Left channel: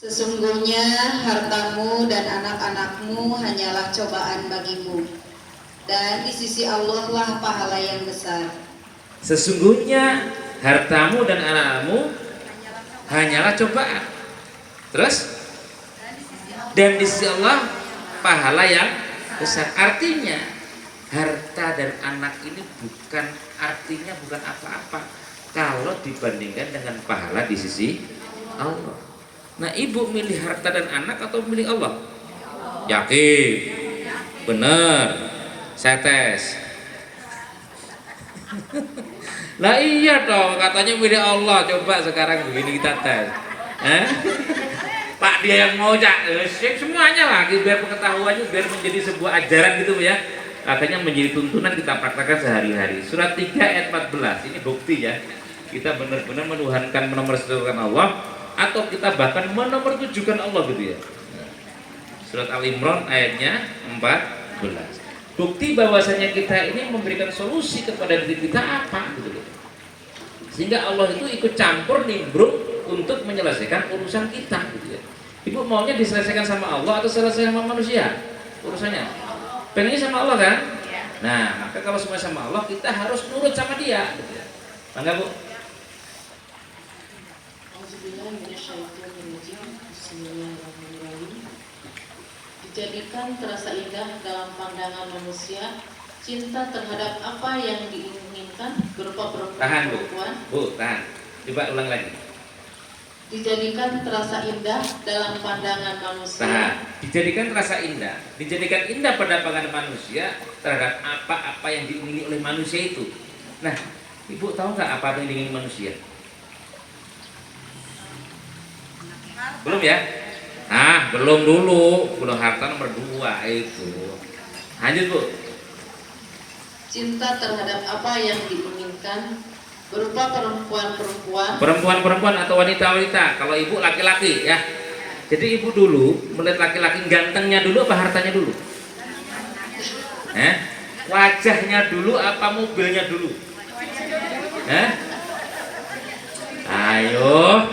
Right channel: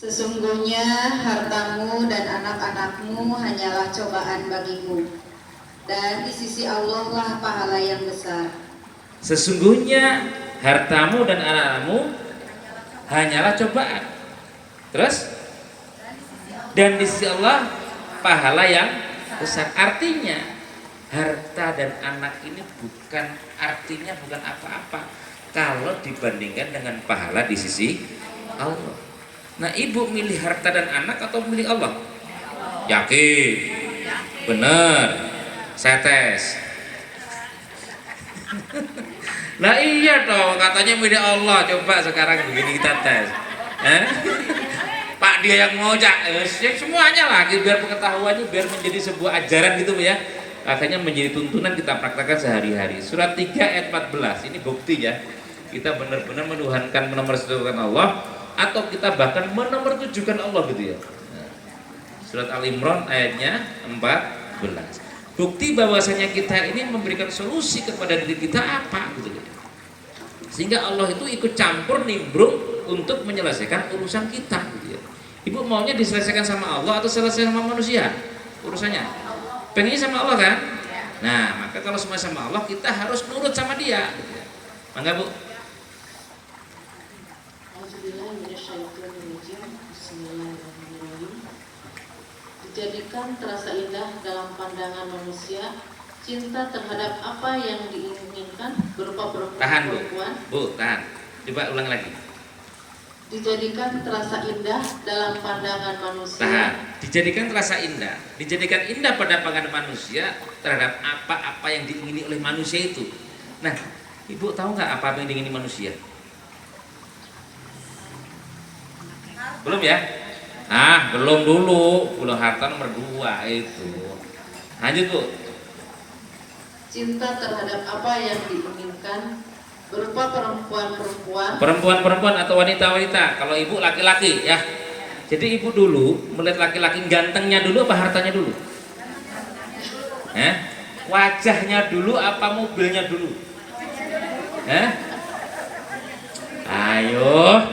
Sesungguhnya hartamu dan anak-anakmu hanyalah cobaan bagimu, dan di sisi Allah lah pahala yang besar. Sesungguhnya hartamu dan anak-anakmu hanyalah cobaan. Terus? Dan di sisi Allah pahala yang besar. Artinya harta dan anak ini artinya bukan apa-apa kalau dibandingkan dengan pahala di sisi Allah. Nah, ibu milih harta dan anak atau milih Allah? Yakin? Bener? Saya tes. Nah iya dong, katanya milih Allah. Coba sekarang begini kita tes. Pak dia yang mau semuanya lagi biar pengetahuannya biar menjadi sebuah ajaran gitu ya. Akhirnya menjadi tuntunan kita praktekkan sehari-hari. Surat 3 ayat 14 ini bukti ya. Kita benar-benar menuhankan menomorsatukan Allah atau kita bahkan menomortujukan Allah gitu ya. Surat Al-Imran ayatnya 14. Bukti bahwasanya kita ini memberikan solusi kepada diri kita apa gitu loh. Sehingga Allah itu ikut campur nimbrung untuk menyelesaikan urusan kita gitu ya. Ibu maunya diselesaikan sama Allah atau selesai sama manusia urusannya? Pengennya sama Allah kan? Nah, maka kalau semua sama Allah kita harus nurut sama dia gitu ya. Mangga Bu. Dijadikan terasa indah dalam pandangan manusia cinta terhadap apa yang diinginkan berupa perempuan. Bu, tahan. Coba ulang lagi. Dijadikan terasa indah dalam pandangan manusia. Tahan. Dijadikan terasa indah. Dijadikan indah pada pandangan manusia terhadap apa-apa yang diingini oleh manusia itu. Nah, Ibu tahu nggak apa yang diingini manusia? Belum ya? Nah, belum dulu. Belum harta nomor 2 itu. Lanjut Bu. Cinta terhadap apa yang diinginkan berupa perempuan-perempuan. Perempuan-perempuan atau wanita-wanita. Kalau ibu laki-laki ya. Jadi ibu dulu melihat laki-laki gantengnya dulu apa hartanya dulu? Wajahnya dulu apa mobilnya dulu? Ayo.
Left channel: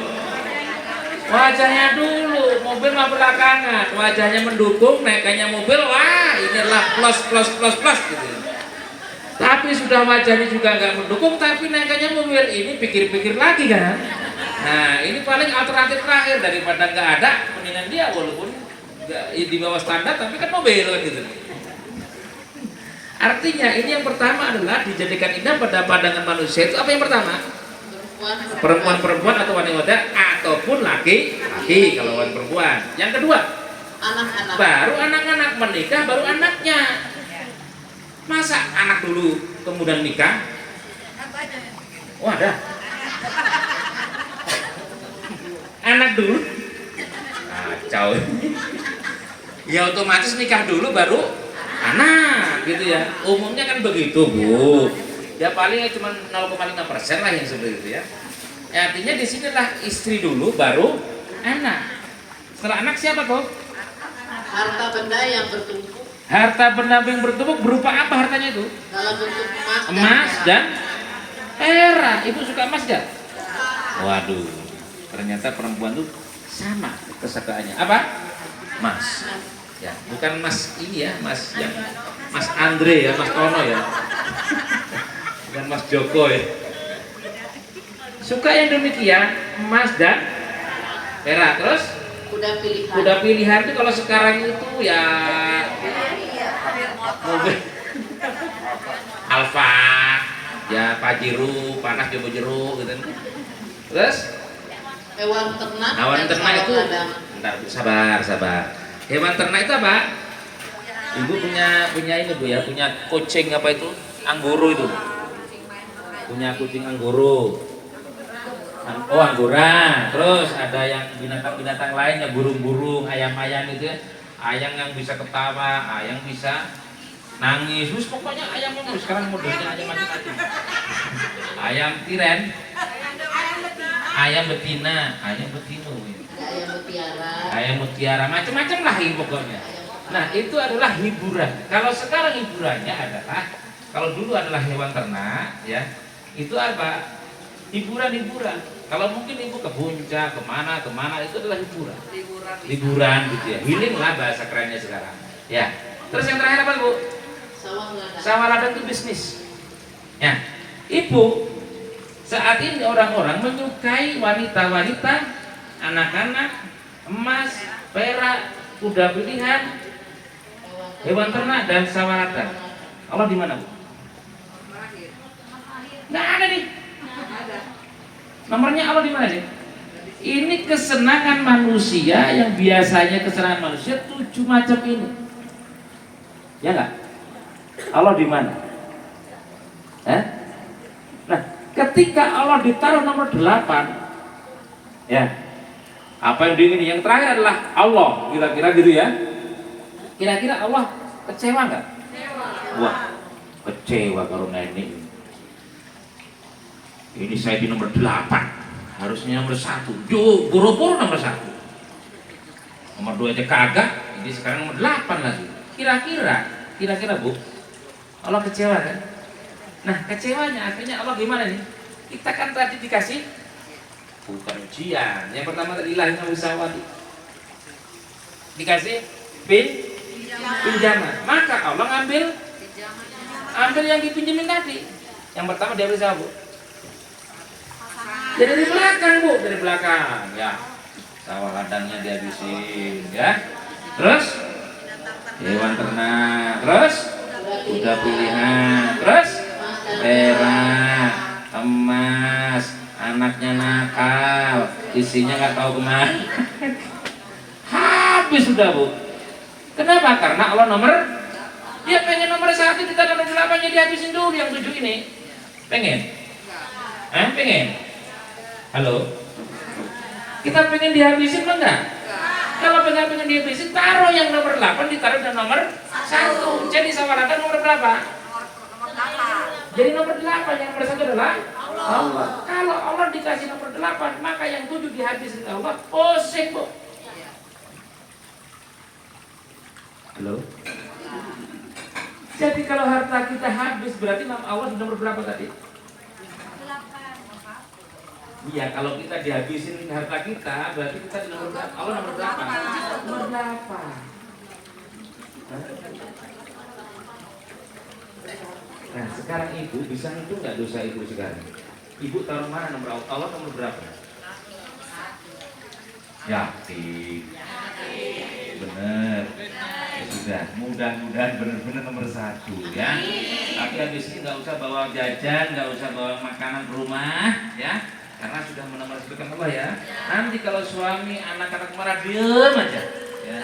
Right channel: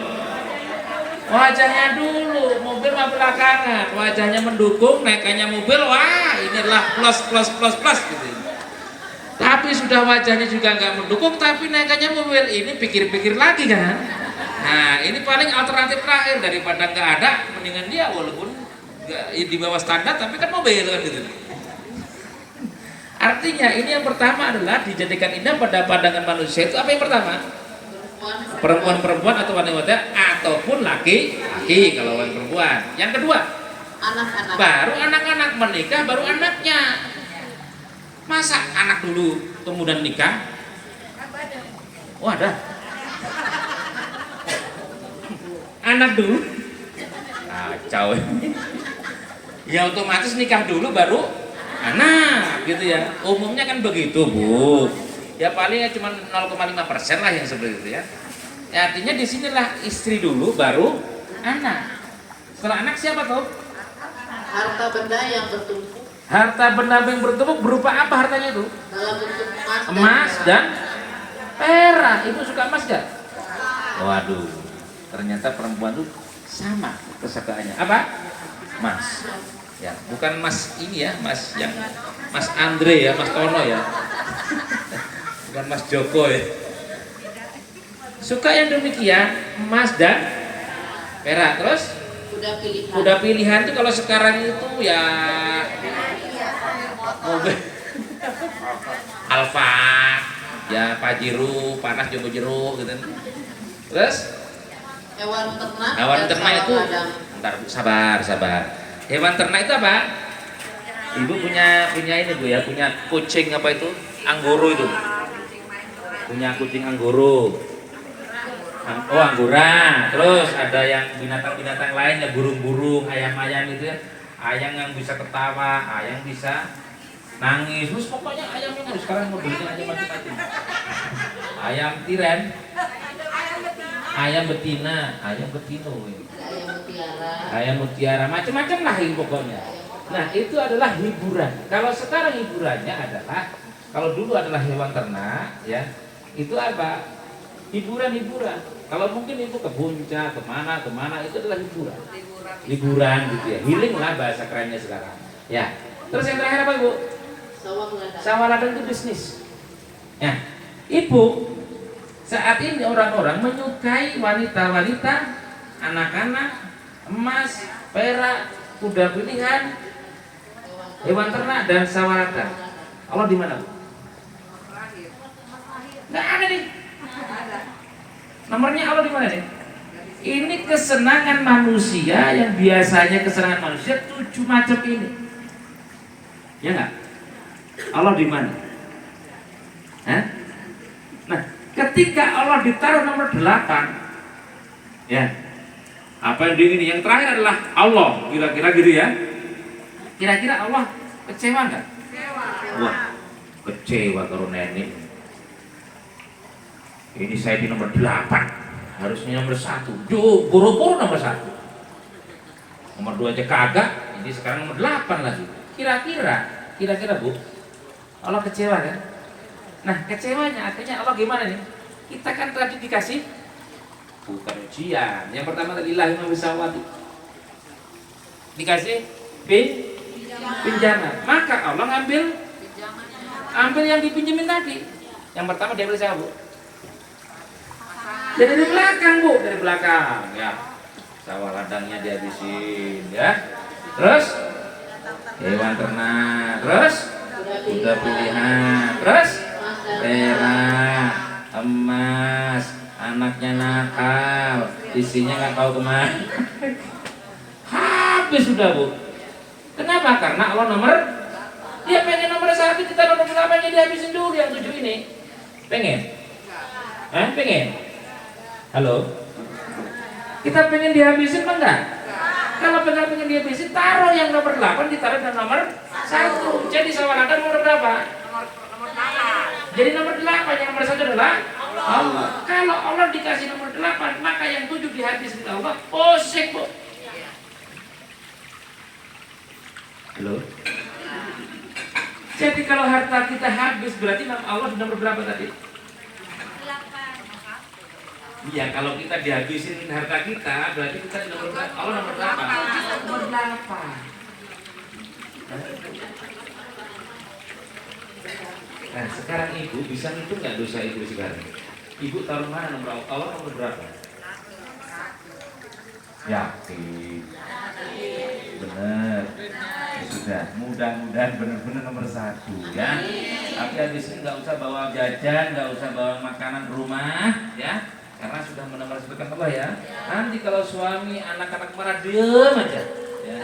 Wajahnya dulu, mobil mah belakangan. Wajahnya mendukung, naikannya mobil, wah inilah plus gitu. Tapi sudah wajahnya juga nggak mendukung, tapi naikannya mobil ini pikir-pikir lagi kan. Nah ini paling alternatif terakhir daripada nggak ada, mendingan dia walaupun di bawah standar tapi kan mobil kan gitu. Artinya ini yang pertama adalah dijadikan indah pada pandangan manusia itu apa yang pertama? Perempuan-perempuan atau wanita ataupun laki-laki kalau orang perempuan. Yang kedua Anak-anak. baru anak-anak menikah baru anaknya. Masa anak dulu kemudian nikah? Oh ada. Anak dulu. Kacau. Ya otomatis nikah dulu baru anak gitu ya. Umumnya kan begitu Bu. Ya palingnya cuma 0,5% lah yang seperti itu ya. Artinya di sinilah istri dulu baru anak. Setelah anak siapa tuh? Harta benda yang bertumpuk. Harta benda yang bertumpuk berupa apa hartanya itu? Dalam bentuk Emas dan perak. Ibu suka emas gak? Waduh, ternyata perempuan tuh sama kesukaannya. Apa? Emas. Ya, bukan Mas ini ya, Mas yang Mas Andre ya, Mas Tono ya. Bukan Mas Joko ya. Suka yang demikian, emas dan perak. Terus kuda pilihan itu kalau sekarang itu ya mobil Alfa, ya Pajero, Panas Jobo Jero gitu. Terus hewan ternak itu bentar Bu, sabar. Hewan ternak itu apa? Ibu punya ini Bu ya, punya kucing apa itu? Anggoro itu. Punya kucing anggoro. Oh anggora. Terus ada yang binatang-binatang lain ya, burung-burung, ayam-ayam itu ya. Ayam yang bisa ketawa, ayam bisa nangis. Terus pokoknya ayam yang sekarang modelnya ayam macam-macam. Ayam tiren, ayam betina, ayam betino, ayam mutiara, macam-macam lah ini pokoknya. Nah itu adalah hiburan. Kalau sekarang hiburannya adalah, kalau dulu adalah hewan ternak, ya itu apa? hiburan. Kalau mungkin ibu ke puncak, kemana itu adalah hiburan gitu ya. Healing lah bahasa kerennya sekarang. Ya. Terus yang terakhir apa ibu? Sawah ladang itu bisnis. Ya, ibu saat ini orang-orang menyukai wanita-wanita, anak-anak, emas, perak, kuda pilihan, hewan ternak dan sawah ladang. Allah di mana bu? Nggak ada nih. Nomornya Allah di mana nih? Ini kesenangan manusia yang biasanya kesenangan manusia 7 macam ini. Ya nggak? Allah di mana? Nah, ketika Allah ditaruh nomor 8, ya, apa yang diingini? Yang terakhir adalah Allah, kira-kira gitu ya. Kira-kira Allah kecewa nggak? Wah, kecewa kalau nenek. Ini saya di nomor 8, harusnya nomor 1. Boro-boro nomor 1. Nomor 2 aja kagak, ini sekarang nomor 8 lagi. Kira-kira bu, Allah kecewa kan? Nah, kecewanya artinya Allah gimana nih? Kita kan tadi dikasih bukan ujian. Yang pertama tadi lahir mawissawati. Dikasih pinjaman. Maka Allah ambil yang dipinjemin tadi. Yang pertama dia beri siapa bu? Dari belakang bu, dari belakang ya. Sawah ladangnya dihabisin ya. Terus hewan ternak, terus kuda pilihan, terus perak, emas, anaknya nakal, isinya nggak tahu kemana. Habis sudah bu. Kenapa? Karena Allah dia pengen nomor 1, kita nomor 8-nya dihabisin dulu yang 7 ini. Pengen? Pengen? Halo? Kita pengen dihabisin apa enggak? Kalau pengen dihabisin, taruh yang nomor 8 ditaruh dan nomor 1. Jadi sawah ladang nomor berapa? Jadi nomor 8, yang nomor 1 adalah Allah. Kalau Allah dikasih nomor 8, maka yang 7 dihabisin Allah. Pusing bu. Halo? Jadi kalau harta kita habis, berarti Allah di nomor berapa tadi? 8. Iya, kalau kita dihabisin harta kita, berarti kita di nomor berapa? Allah nomor berapa? Nomor 8. Nah, sekarang ibu bisa ngitung nggak dosa ibu sekarang? Ibu taruh mana nomor Allah nomor berapa? Yakin? Bener. Ya sudah, mudah-mudahan benar-benar nomor 1 ya. Tapi habis ini nggak usah bawa jajan, nggak usah bawa makanan ke rumah ya. Karena sudah menomorkan Allah ya. Nanti kalau suami anak-anak marah diem aja ya.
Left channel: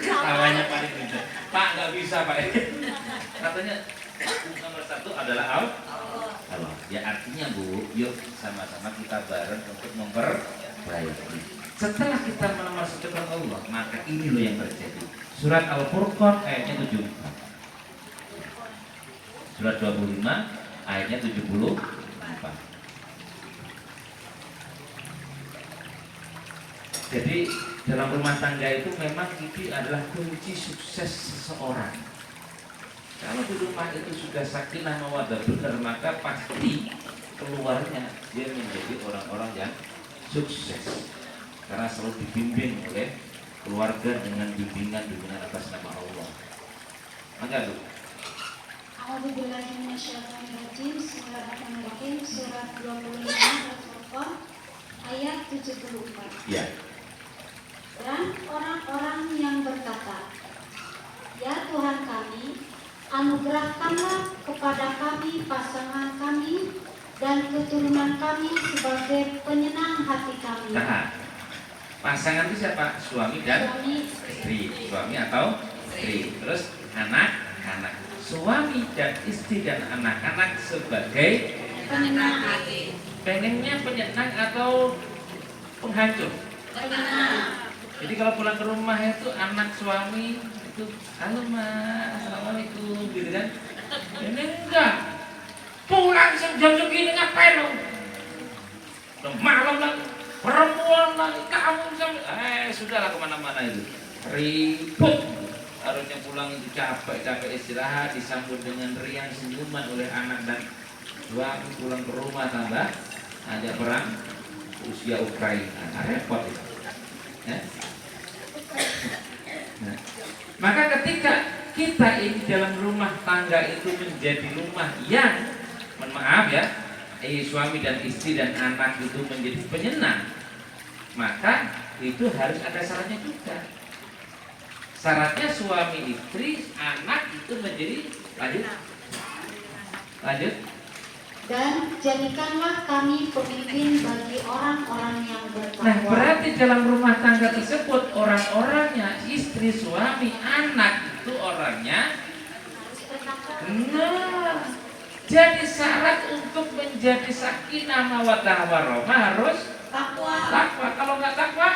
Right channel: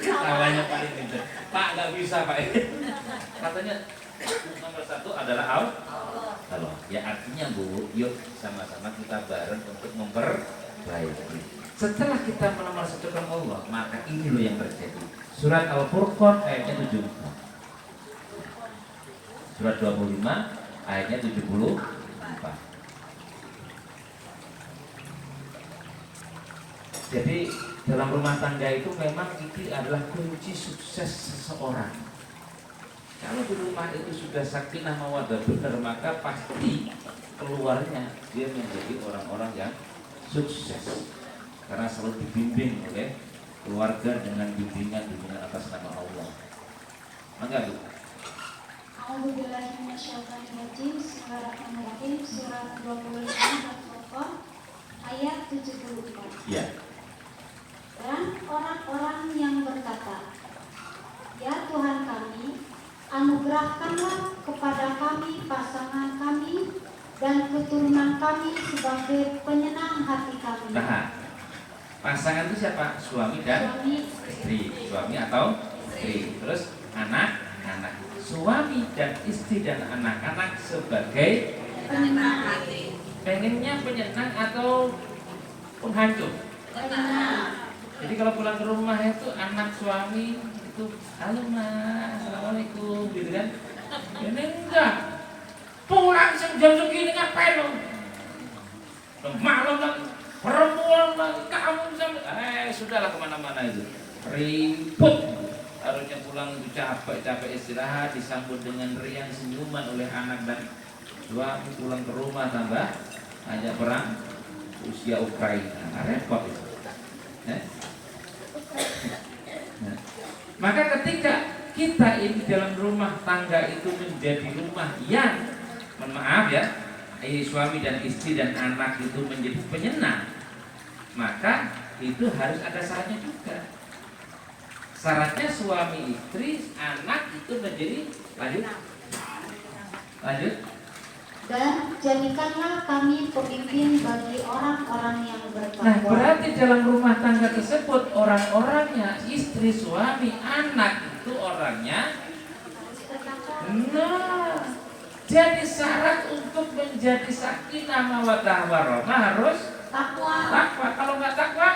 Tawanya paling gitu. Pak nggak bisa pak. Katanya nomor 1 adalah Allah. Ya artinya bu, yuk sama-sama kita bareng untuk memperbaiki. Setelah kita menomorkan Allah, maka ini loh yang terjadi. Surat Al-Furqan ayatnya 74. Surat 25 ayatnya 74. Jadi dalam rumah tangga itu memang itu adalah kunci sukses seseorang. Kalau di rumah itu sudah sakinah mawaddah benar, maka pasti keluarnya dia menjadi orang-orang yang sukses. Karena selalu dibimbing oleh keluarga dengan bimbingan atas nama Allah. Enggak bu? A'udzubillahi minasyaitonirrajim. Bismillahirrahmanirrahim. Surat 25 Al-Furqan ayat 74. Ya. Dan orang-orang yang berkata, ya Tuhan kami, anugerahkanlah kepada kami pasangan kami dan keturunan kami sebagai penyenang hati kami. Nah, pasangan itu siapa? Suami dan istri. Suami atau istri. Terus anak-anak. Suami dan istri dan anak-anak sebagai penyenang. Pengennya penyenang atau penghancur? Penyenang. Jadi kalau pulang ke rumah itu anak suami itu, halo mas, assalamualaikum, gitu kan? Ini enggak. Pulang jam segini ngapain lo? Malam lagi, perempuan lagi, kamu sudahlah kemana-mana itu. Ribut. Harusnya pulang itu capek istirahat, disambut dengan riang senyuman oleh anak dan Suami pulang ke rumah tangga hanya perang Rusia Ukraina, nah, repot itu. Ya. Nah, maka ketika kita ini dalam rumah tangga itu menjadi rumah yang, mohon maaf ya, suami dan istri dan anak itu menjadi penyenang, maka itu harus ada syaratnya juga. Syaratnya suami, istri, anak itu menjadi lanjut. Dan jadikanlah kami pemimpin bagi orang-orang yang Nah, bertakwa. berarti dalam rumah tangga tersebut orang-orangnya, istri, suami, anak itu orangnya. Nah, jadi syarat untuk menjadi sakinah mawaddah warahmah harus Takwa. takwa. Kalau nggak takwa,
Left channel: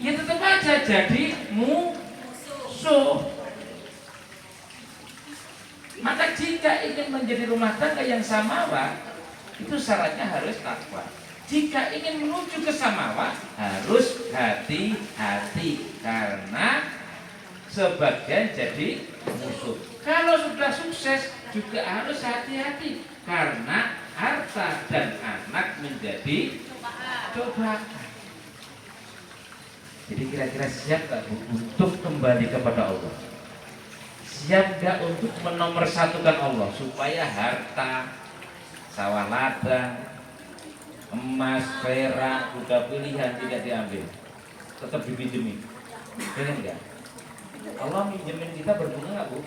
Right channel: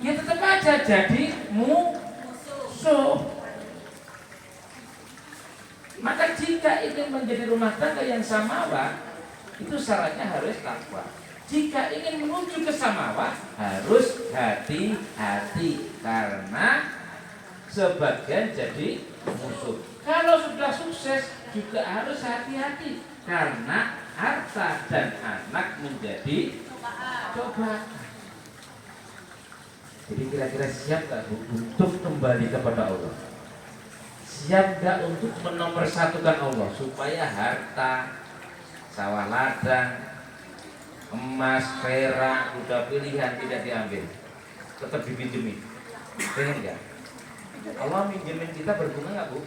ya tetap aja jadi musuh. Maka jika ingin menjadi rumah tangga yang samawa, itu syaratnya harus takwa. Jika ingin menuju ke samawa, harus hati-hati karena sebagian jadi musuh. Kalau sudah sukses juga harus hati-hati karena harta dan anak menjadi cobaan. Jadi kira-kira siap gak Bu untuk kembali kepada Allah? Siap gak untuk menomorsatukan Allah supaya harta, sawah ladang, emas, perak, kuda pilihan tidak diambil, tetap dipinjemin? Pengen gak? Allah minjemin kita berbunga gak Bu?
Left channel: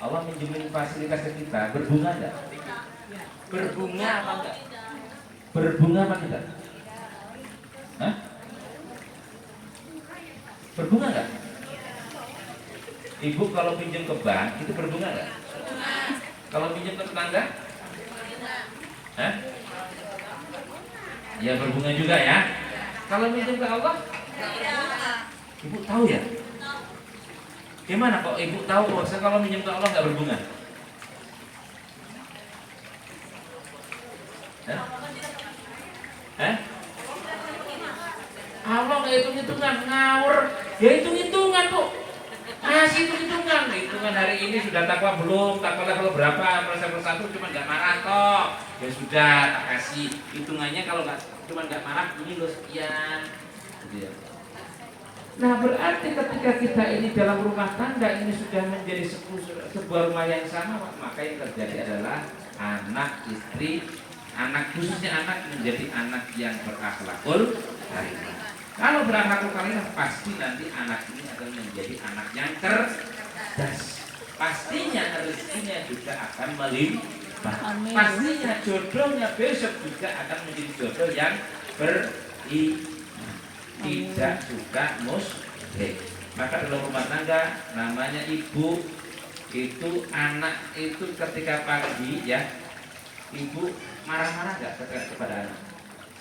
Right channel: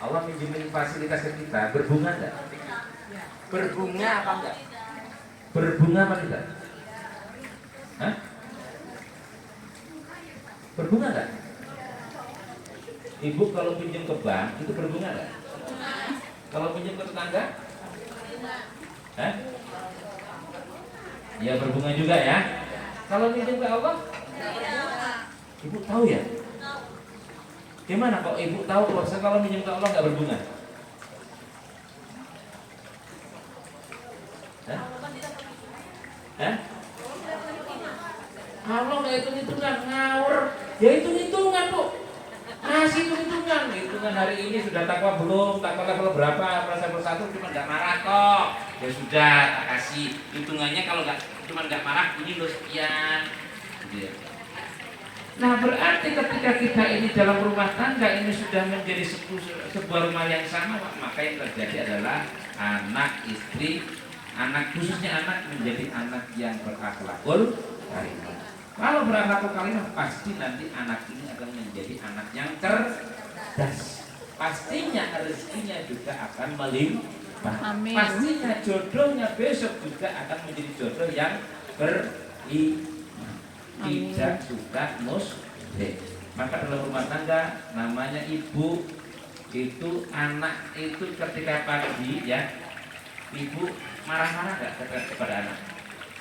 Allah minjemin fasilitas ke kita berbunga gak? Berbunga apa enggak? Berbunga apa tidak? Hah? Berbunga enggak? Ibu kalau pinjam ke bank itu berbunga enggak? Kalau pinjam ke tetangga? Hah? Ya berbunga juga ya. Kalau pinjam ke Allah? Ibu tahu ya? Gimana kok ibu tahu kalau pinjam ke Allah nggak berbunga? Hah? Hah? Allah nggak hitung-hitungan, ngawur. Ya hitung-hitungan Bu. Masih hitung-hitungan hari ini sudah takwa belum, takwa level berapa, persatu cuma nggak marah kok. Ya sudah, tak kasih hitungannya. Kalau nggak cuma nggak marah, ini loh sekian. Gitu ya. Nah berarti ketika kita ini dalam rumah tangga ini sudah menjadi sebuah rumah yang sama, maka yang terjadi adalah anak, istri, anak, khususnya anak menjadi anak yang berakhlakul karimah. Kalau berakhlakul karimah pasti nanti anak ini akan menjadi anak yang cerdas. Pastinya rezekinya juga akan melimpah. Pastinya jodohnya besok juga akan menjadi jodoh yang tidak suka musyrik. Maka dalam rumah tangga namanya ibu itu, anak itu ketika pagi ya, ibu marah-marah nggak kepada anak?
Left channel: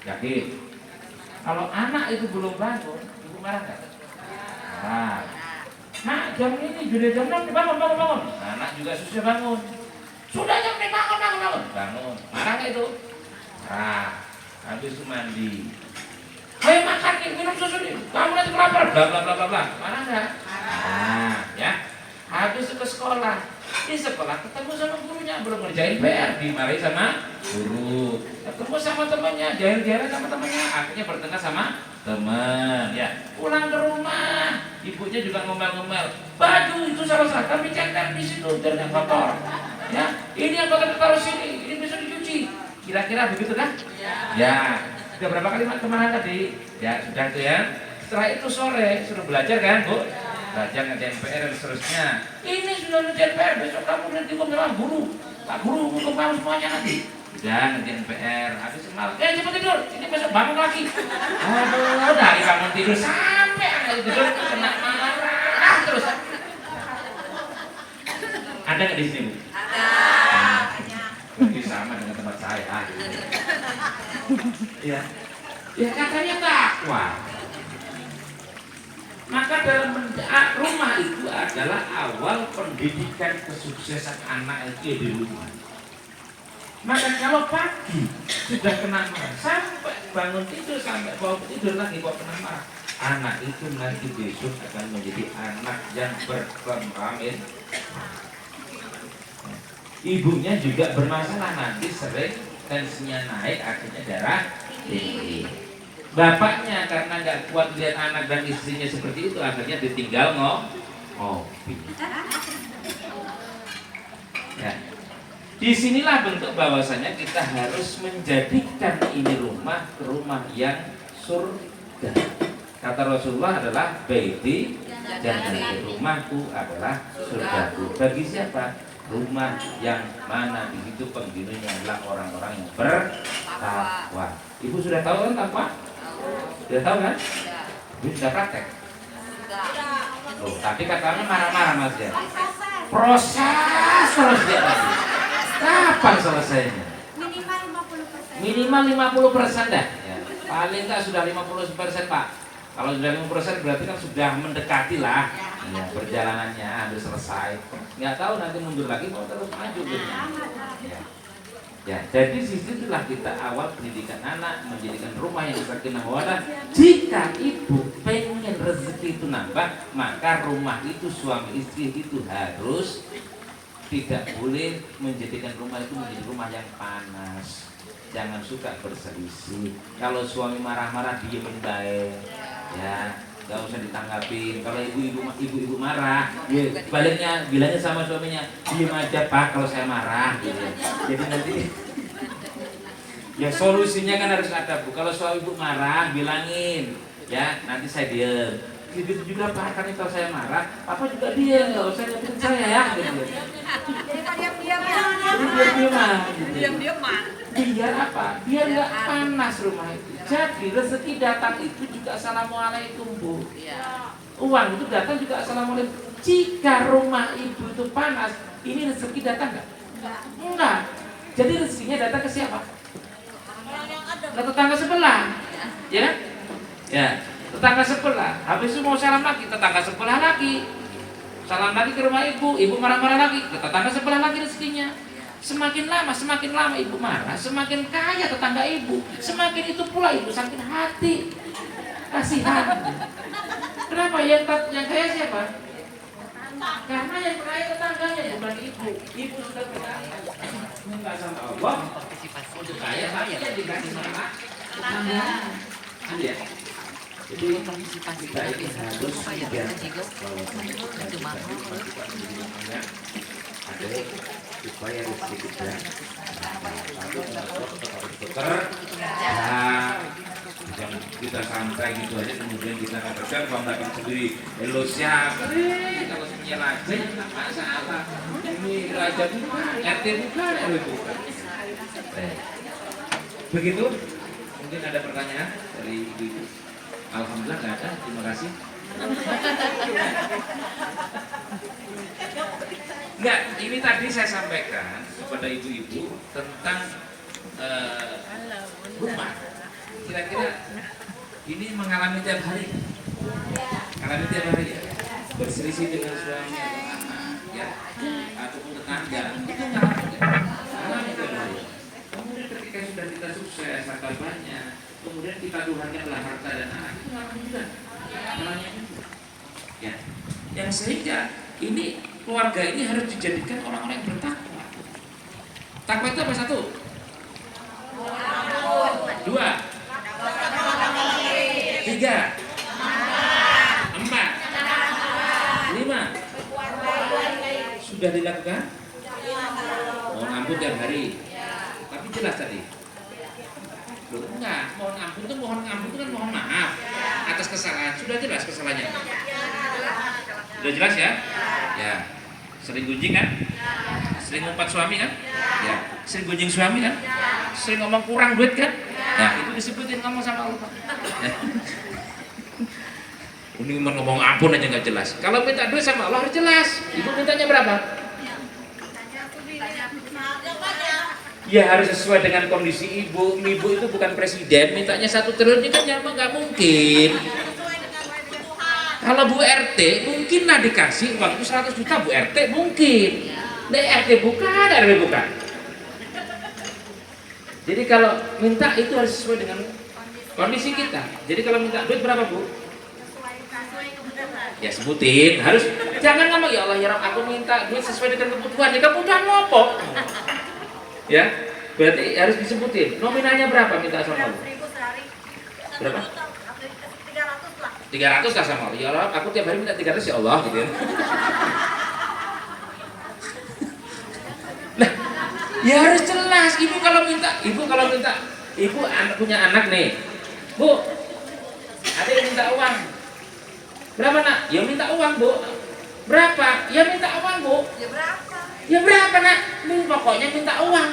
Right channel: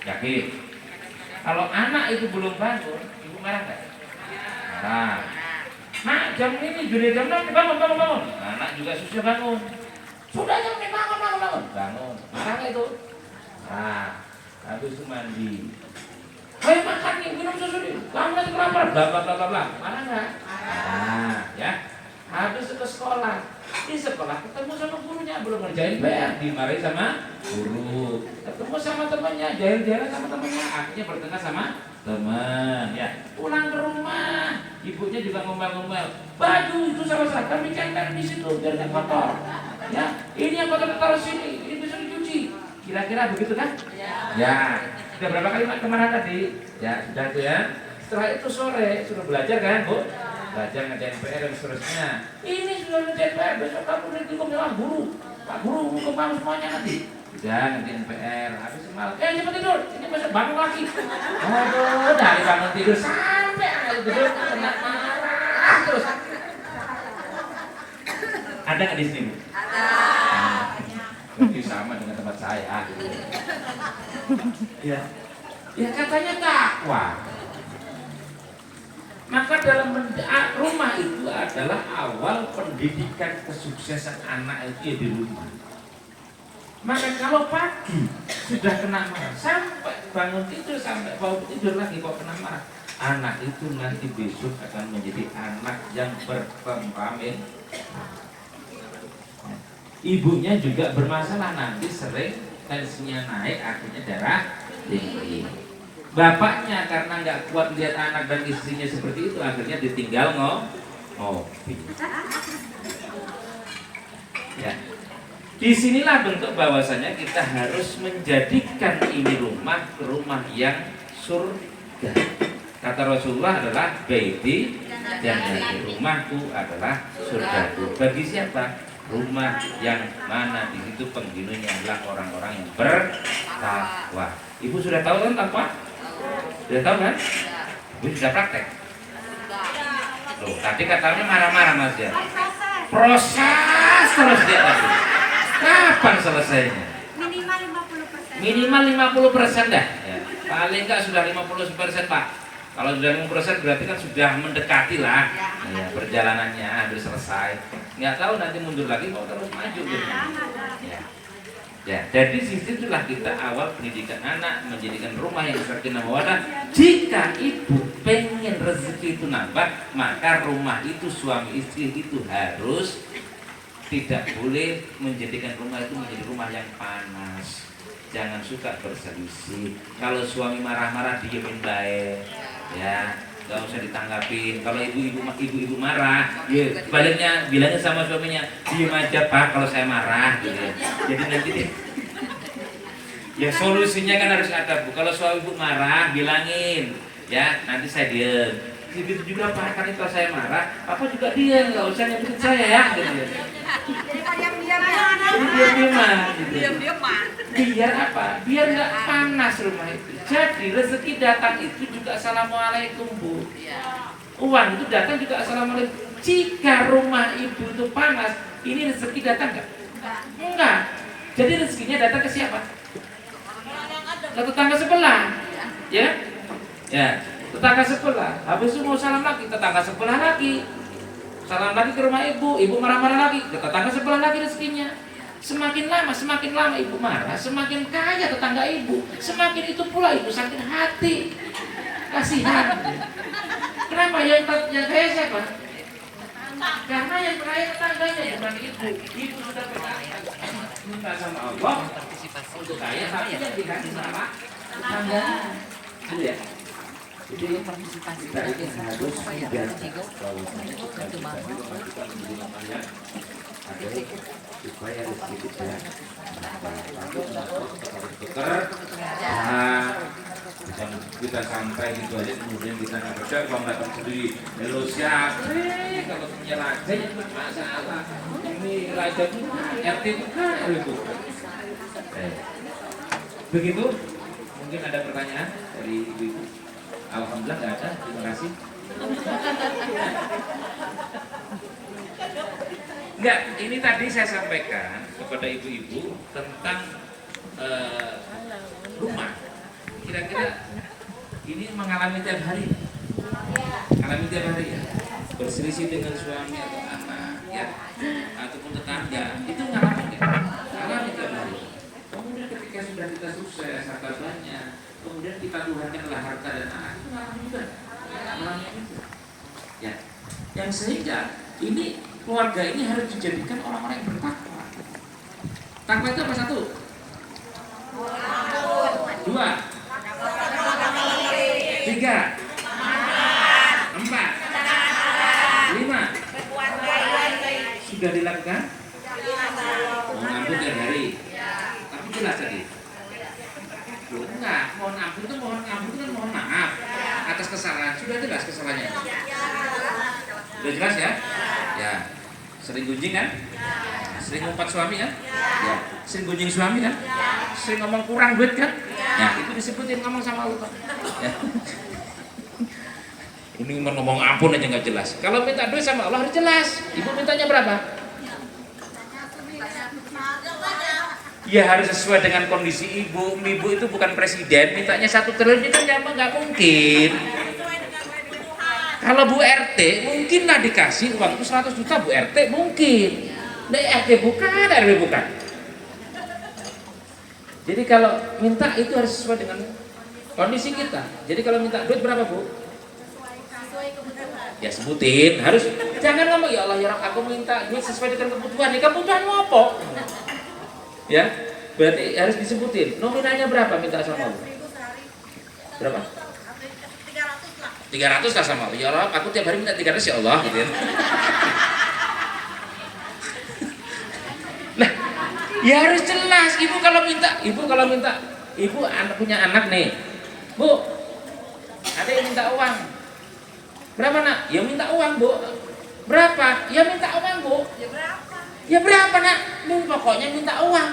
Yakin? Kalau anak itu belum bangun, ibu marah nggak? Marah. Nah jam ini sudah jam 6, bangun. Anak juga susah bangun. Sudah jam 6, bangun. Marah nggak itu? Marah. Habis itu mandi. Ayo makan nih, minum susu nih, kamu nanti kelaparan, bla bla bla bla bla. Mana enggak? Nah, ya. Habis ke sekolah. Di sekolah ketemu sama gurunya, belum ngerjain PR, dimarahi sama guru. Ketemu sama temannya, jalan-jalan sama temannya, akhirnya bertengkar sama teman. Ya, pulang ke rumah, ibunya juga ngomel-ngomel. Baju itu salah kami centang di situ biar nggak kotor. Ya, ini yang kotor taruh sini, ini bisa dicuci. Kira-kira begitu kan? Ya. Sudah berapa kali kemana tadi? Ya sudah itu ya. Setelah itu sore suruh belajar kan Bu? Belajar ngerjain PR dan seterusnya. Ini sudah ngerjain PR, besok kamu nanti hukum sama guru. Pak guru hukum kamu semuanya nanti. Udah ngerjain PR, habis malam. Cepat tidur, ini besok bangun lagi. Aduh, dari bangun tidur sampai anak tidur kena marah terus. Ada nggak di sini Bu? Ada. Sama dengan tempat saya. Ya, ya katanya takwa. Maka dalam rumah itu adalah awal pendidikan kesuksesan anak itu di rumah. Maka kalau pagi sudah kena marah, sampai bangun tidur, sampai bangun tidur lagi kok kena marah, anak itu nanti besok akan menjadi anak yang bertemperament. Ibunya juga bermasalah, nanti sering tensinya naik, akhirnya darah tinggi. Bapaknya karena nggak kuat lihat anak dan istrinya seperti itu, akhirnya ditinggal ngopi. Ya. Disinilah bentuk bahwasanya kita harus menjadikan ini rumah surga. Kata Rasulullah adalah baiti jannati, rumahku adalah surgaku. Bagi siapa? Rumah yang mana di situ penghuninya adalah orang-orang yang bertakwa. Ibu sudah tahu kan takwa? Sudah tahu kan? Ibu sudah praktek. Loh, tadi katanya marah-marah Mas ya. Proses terus dia tadi. Kapan selesainya? Minimal 50% dah. Ya. Paling enggak sudah 50% Pak. Kalau sudah 50% berarti kan sudah mendekati lah. Ya, perjalanannya hampir selesai. Nggak tahu nanti mundur lagi mau terus maju gitu. Ya, jadi disitulah kita awal pendidikan anak, menjadikan rumah yang sakinah mawaddah. Jika ibu pengen rezeki itu nambah, maka rumah itu suami istri itu harus tidak boleh menjadikan rumah itu menjadi rumah yang panas. Jangan suka berselisih. Kalau suami marah-marah diemin baik, ya, nggak usah ditanggapin. Kalau ibu-ibu marah, ya, baliknya bilangnya sama suaminya, diem aja Pak kalau saya marah, gitu ya. Jadi nanti ya solusinya kan harus ada Bu. Kalau suami ibu marah, bilangin, ya nanti saya diem. Begitu juga Pak, karena kalau saya marah, Papa juga diem, nggak usah nyakitin saya ya, gitu ya. Diam-diam gitu. Biar apa? Biar nggak panas rumah itu. Jadi rezeki datang itu juga assalamualaikum Bu. Uang itu datang juga assalamualaikum. Jika rumah ibu itu panas, ini rezeki datang nggak? Enggak. Jadi rezekinya datang ke siapa? Ke tetangga sebelah, ya? Ya, tetangga sebelah. Habis itu mau salam lagi, tetangga sebelah lagi. Salam lagi ke rumah ibu marah-marah lagi, ke tetangga sebelah lagi rezekinya. Semakin lama ibu marah, semakin kaya tetangga ibu. Semakin itu pula ibu sakit hati, kasihan. Kenapa yang kaya siapa? Karena yang kaya tetangganya, bukan ibu. Ibu sudah minta sama Allah untuk kaya, tapi yang dikasih sama tetangga. Iya. Jadi partisipasi kita harus supaya rezeki kita jangan kita santai gitu aja kemudian kita nggak kerja kalau dapat sendiri lo siapa kalau punya raja ya nggak masalah ini raja RT bukan itu begitu. Mungkin ada pertanyaan dari ibu-ibu. Alhamdulillah nggak ada, terima kasih. Enggak, ini tadi saya sampaikan kepada ibu-ibu tentang rumah. Kira-kira ini mengalami tiap hari, ya. Berselisih dengan suaminya atau anak, ya, ataupun tetangga, itu mengalami tiap hari. Kemudian ketika sudah kita sukses, harta banyak, kemudian kita Tuhannya adalah harta dan anak, itu mengalami juga. Ya, yang sehingga ini keluarga ini harus dijadikan orang-orang yang bertakwa. Takwa itu apa? Satu, dua, tiga, empat, lima. Sudah dilakukan? Mau ngampun tiap hari. Tapi jelas tadi. Loh, enggak, mohon ampun itu kan mohon maaf atas kesalahan. Sudah jelas kesalahannya. Sudah jelas ya? Ya. Sering gunjing kan? Sering ngumpat suami kan? Ya. Sering gunjing suami kan? Sering ngomong kurang duit kan? Ya, itu disebutin ngomong sama Allah. Ya. Ini ngomong ampun aja nggak jelas. Kalau minta duit sama Allah harus jelas. Ibu mintanya berapa? Ya harus sesuai dengan kondisi ibu. Ibu itu bukan presiden, mintanya 1 triliun itu kan nggak mungkin. Kalau Bu RT mungkin lah dikasih uang itu 100 juta Bu RT mungkin. Nah, RT bukan, RW bukan. Jadi kalau minta itu harus sesuai dengan kondisi kita. Jadi kalau minta duit berapa Bu? Ya sebutin, harus jangan ngomong ya Allah ya Rabb, aku minta duit sesuai dengan kebutuhan. Ya kebutuhanmu apa? Ya, berarti harus disebutin. Nominalnya berapa minta sama Allah? 1.000 sehari. Berapa? 300 lah. 300 lah sama Allah. Ya Allah, aku tiap hari minta 300 ya Allah gitu ya. Nah, ya harus jelas. Ibu kalau minta, ibu punya anak nih. Bu, ada yang minta uang. Berapa nak? Ya minta uang bu. Berapa? Ya minta uang bu. Ya berapa? Ya berapa nak? Ini pokoknya minta uang.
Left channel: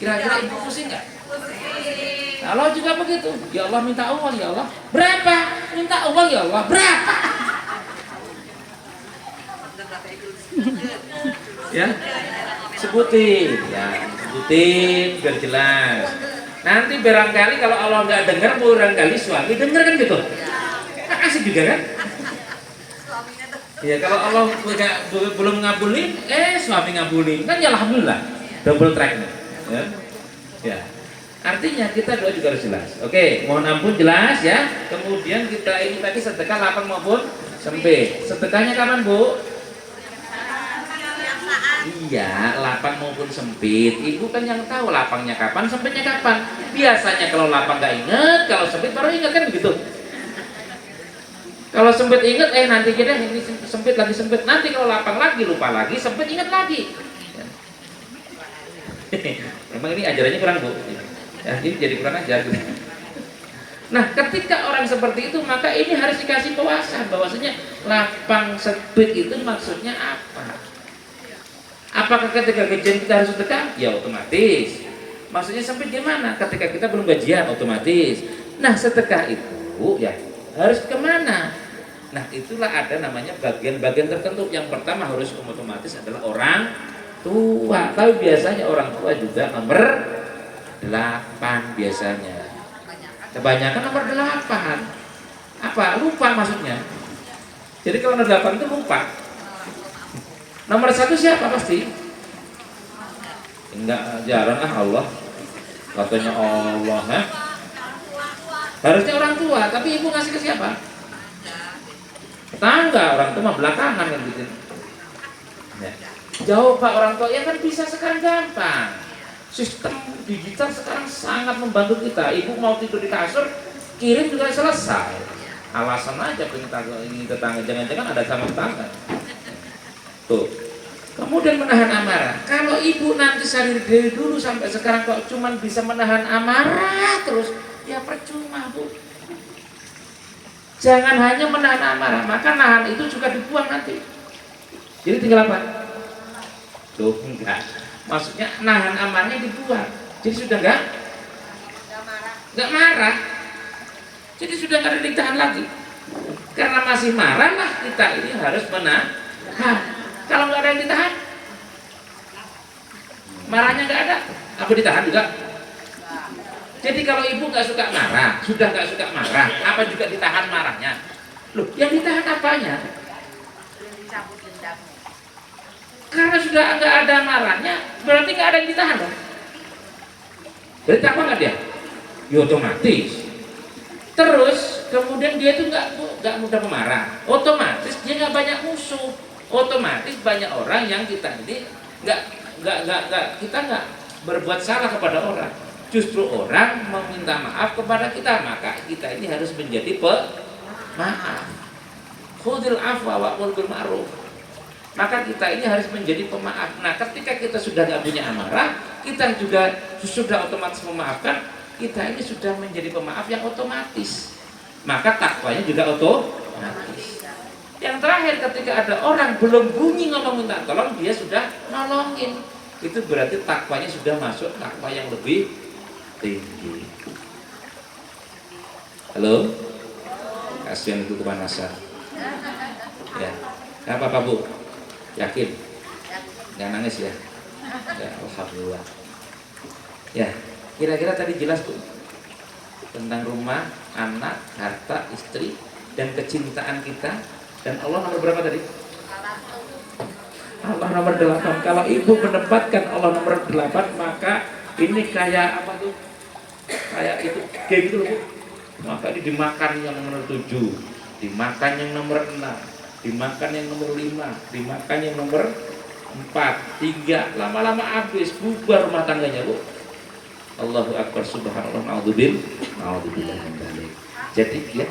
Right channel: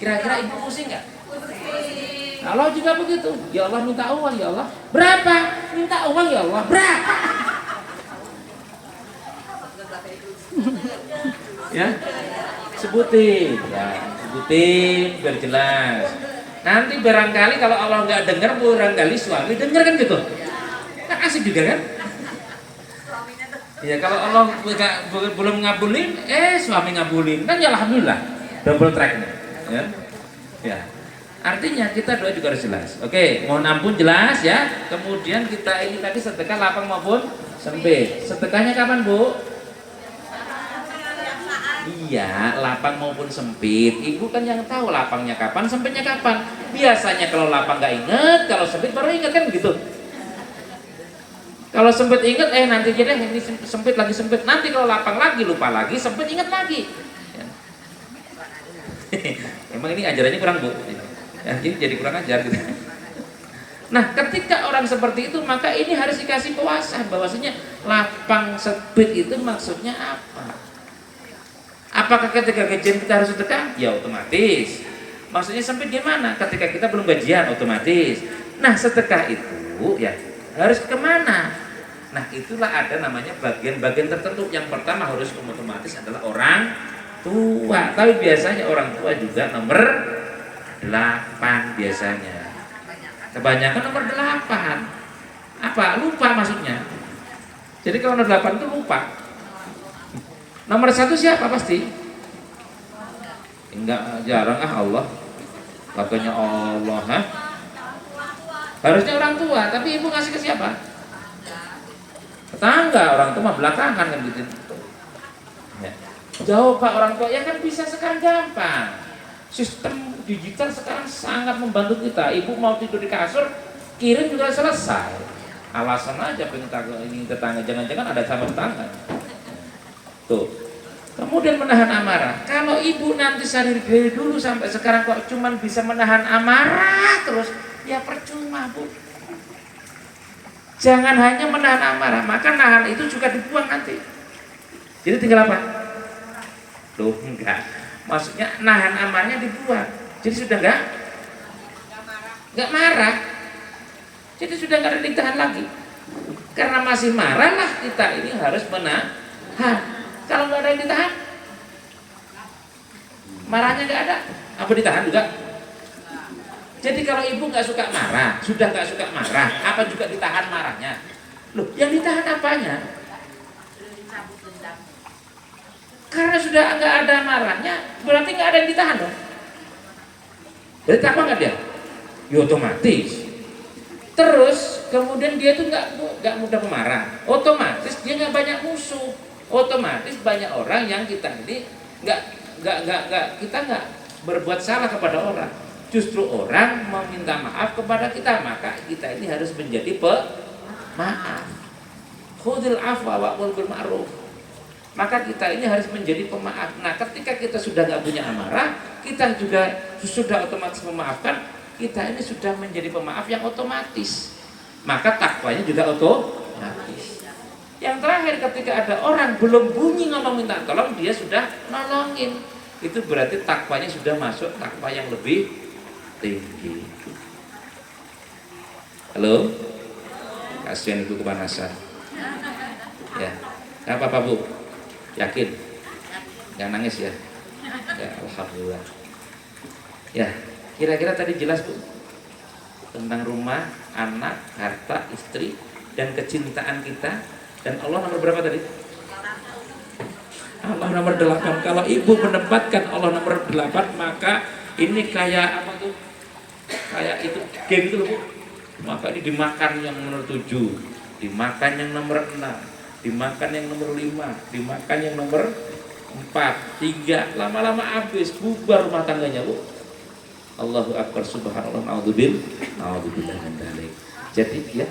Kira-kira ibu pusing nggak? Pusing. Kalau juga begitu. Ya Allah minta uang ya Allah. Berapa? Minta uang ya Allah. Berapa? Ya, sebutin. Ya, sebutin biar jelas. Nanti barangkali kalau Allah nggak dengar, barangkali suami dengar kan gitu. Kan asik juga kan? Ya kalau Allah belum ngabulin, suami ngabulin, kan ya alhamdulillah, double track nih. Ya. Ya. Artinya kita doa juga harus jelas. Oke, mohon ampun jelas ya. Kemudian kita ini tadi sedekah lapang maupun sempit. Sedekahnya kapan bu? Iya, lapang maupun sempit. Ibu kan yang tahu lapangnya kapan, sempitnya kapan. Biasanya kalau lapang nggak inget, kalau sempit baru inget kan gitu. Kalau sempit inget, nanti kita ini sempit lagi sempit. Nanti kalau lapang lagi lupa lagi, sempit inget lagi. Ya. Emang ini ajarannya kurang bu. Ya, ini jadi kurang ajar gitu. Nah, ketika orang seperti itu, maka ini harus dikasih pewasan bahwasanya lapang sempit itu maksudnya apa? Apakah ketika gajian kita harus sedekah? Ya otomatis. Maksudnya sempit gimana? Ketika kita belum gajian otomatis. Nah, sedekah itu ya harus kemana? Nah, itulah ada namanya bagian-bagian tertentu. Yang pertama harus otomatis adalah orang tua. Tapi biasanya orang tua juga nomor 8 biasanya. Kebanyakan nomor 8. Apa? Lupa maksudnya. Jadi kalau nomor 8 itu lupa. Nomor 1 siapa pasti? Enggak, jarang Allah. Katanya Allah, harusnya orang tua, tapi ibu ngasih ke siapa? Tetangga, orang tua belakangan kan gitu. Ya. Jauh pak orang tua, ya kan bisa sekarang gampang. Sistem digital sekarang sangat membantu kita. Ibu mau tidur di kasur, kirim juga selesai. Alasan aja ini tetangga, jangan-jangan ada sama tangan. Tuh. Kemudian menahan amarah. Kalau ibu nanti dari dulu sampai sekarang kok cuman bisa menahan amarah terus, ya percuma bu. Jangan hanya menahan amarah, maka nahan itu juga dibuang nanti. Jadi tinggal apa? Tuh enggak. Maksudnya nahan amarahnya dibuang. Jadi sudah enggak marah. Jadi sudah enggak ada ditahan lagi. Karena masih marah lah kita ini harus menahan. Kalau nggak ada yang ditahan, marahnya nggak ada, apa ditahan juga? Jadi kalau ibu nggak suka marah, sudah nggak suka marah, apa juga ditahan marahnya? Loh, yang ditahan apanya? Karena sudah nggak ada marahnya, berarti nggak ada yang ditahan loh. Berarti apa nggak dia? Ya otomatis. Terus kemudian dia tuh nggak mudah pemarah, otomatis dia nggak banyak musuh. Otomatis banyak orang yang kita ini kita nggak berbuat salah kepada orang, justru orang meminta maaf kepada kita, maka kita ini harus menjadi pemaaf. Khudil afwa wa'mur bil ma'ruf. Maka kita ini harus menjadi pemaaf. Nah, ketika kita sudah nggak punya amarah, kita juga sudah otomatis memaafkan. Kita ini sudah menjadi pemaaf yang otomatis. Maka takwanya juga otomatis. Yang terakhir, ketika ada orang belum bunyi ngomong minta tolong, dia sudah nolongin. Itu berarti takwanya sudah masuk takwa yang lebih tinggi. Halo? Kasihan itu kepanasan. Ya. Apa bu? Yakin? Jangan nangis ya. Ya, alhamdulillah. Ya, kira-kira tadi jelas bu tentang rumah, anak, harta, istri, dan kecintaan kita. Dan Allah nomor berapa tadi? Allah nomor 8. Kalau ibu menempatkan Allah nomor 8, maka ini kayak apa tuh? Kayak itu, kayak gitu loh bu. Maka ini dimakan yang nomor 7. dimakan yang nomor 6, dimakan yang nomor 5, dimakan yang nomor 4, 3, lama-lama habis, bubar rumah tangganya, Bu. Allahu Akbar, subhanallah, naudzubillah min dzalik. Jadi ya,